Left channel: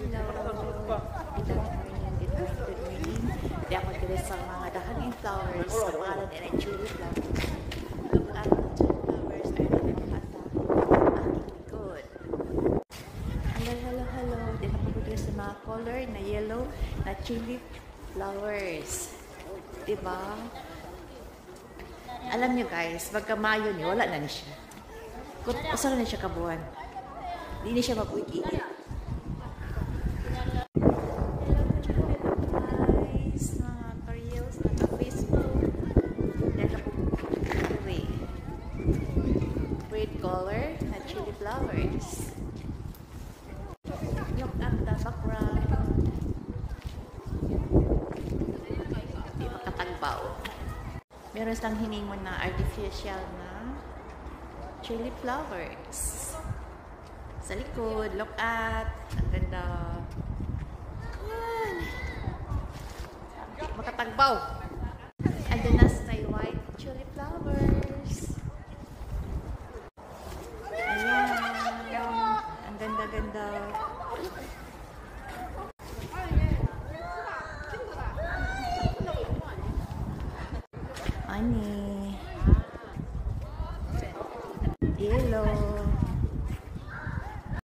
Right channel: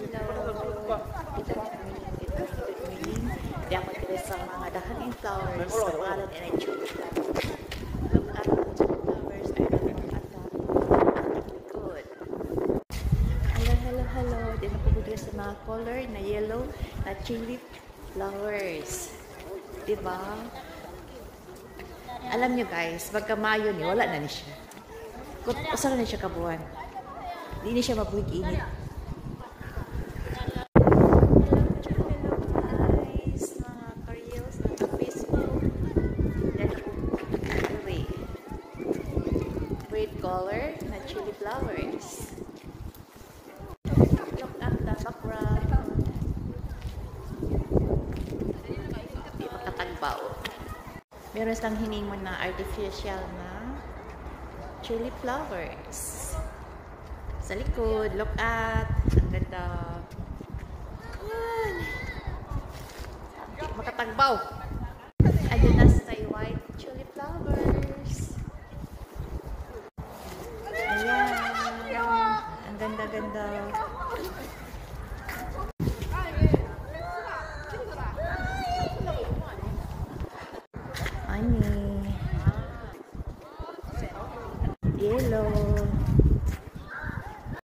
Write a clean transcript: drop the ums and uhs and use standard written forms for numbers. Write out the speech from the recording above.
Good morning. Di ako tira sa mga dahaning flowers sa pangalan nila tulip flowers. Look at the flowers na look at the good. Hello. Di na po sa mga color na yellow na tulip flowers. Diba? Alam nyo guys, pagka Mayo ni wala na ni siya. Usa na siya kabuan. Di na siya mabuik-init. Color na chili flowers. Look at the background. Di makatagbaw. Meron silang hinimon na artificial na chili flowers. Sa likod, look at. Ang ganda. Yan. Di makatagbaw. Andun na sa white chili flowers. Ganda. Ani. Yellow.